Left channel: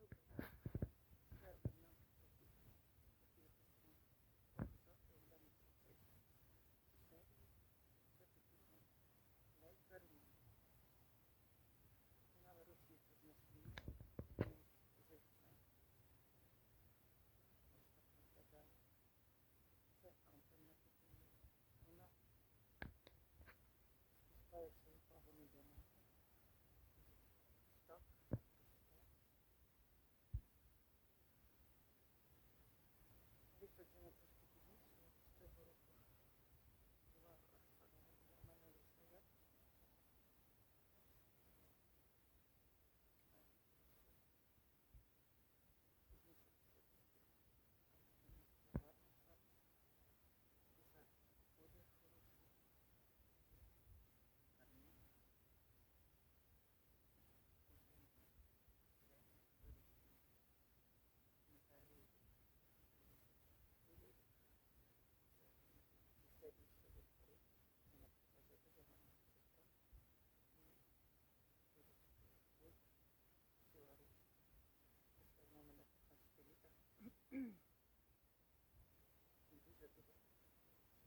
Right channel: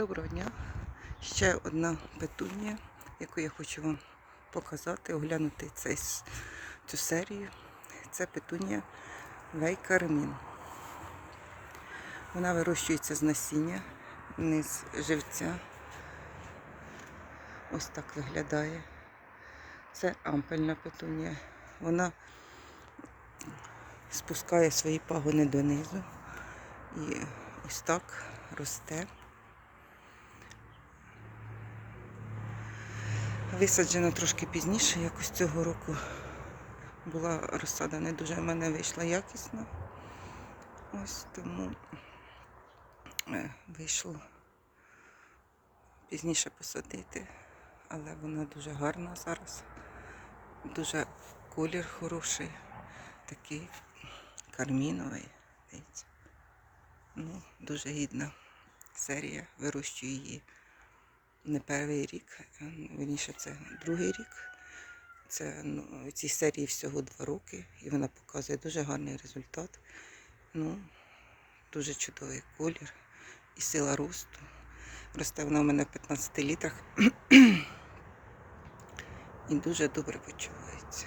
Доброго дня. Ще одна петунія, яку я хочу вам показати, оглянути цей, цю серію. Це петунія Вейкармін. Вона вирощується з насіння, не з живця. Ось так виглядає. Це ампельна петунія. Вона спускає свої пагони донизу і ось так росте. Висаджена трошки пізніше, якось цього року була розсада не дуже в мене вийшла якісно. Ось тому е, вийшло пізніше посадити, але вона дуже гарна зараз. Дуже колір хороший, такий карміновий. Ну, дуже гідна серія. Вирощую її не перший рік, верніше це другий рік. Це ну, цій серії всього два роки, і вона показує дуже гарний результат. Ну, дуже чудовий колір і сила росту. Росте вона в мене в 15 літрах і дуже добре почувається.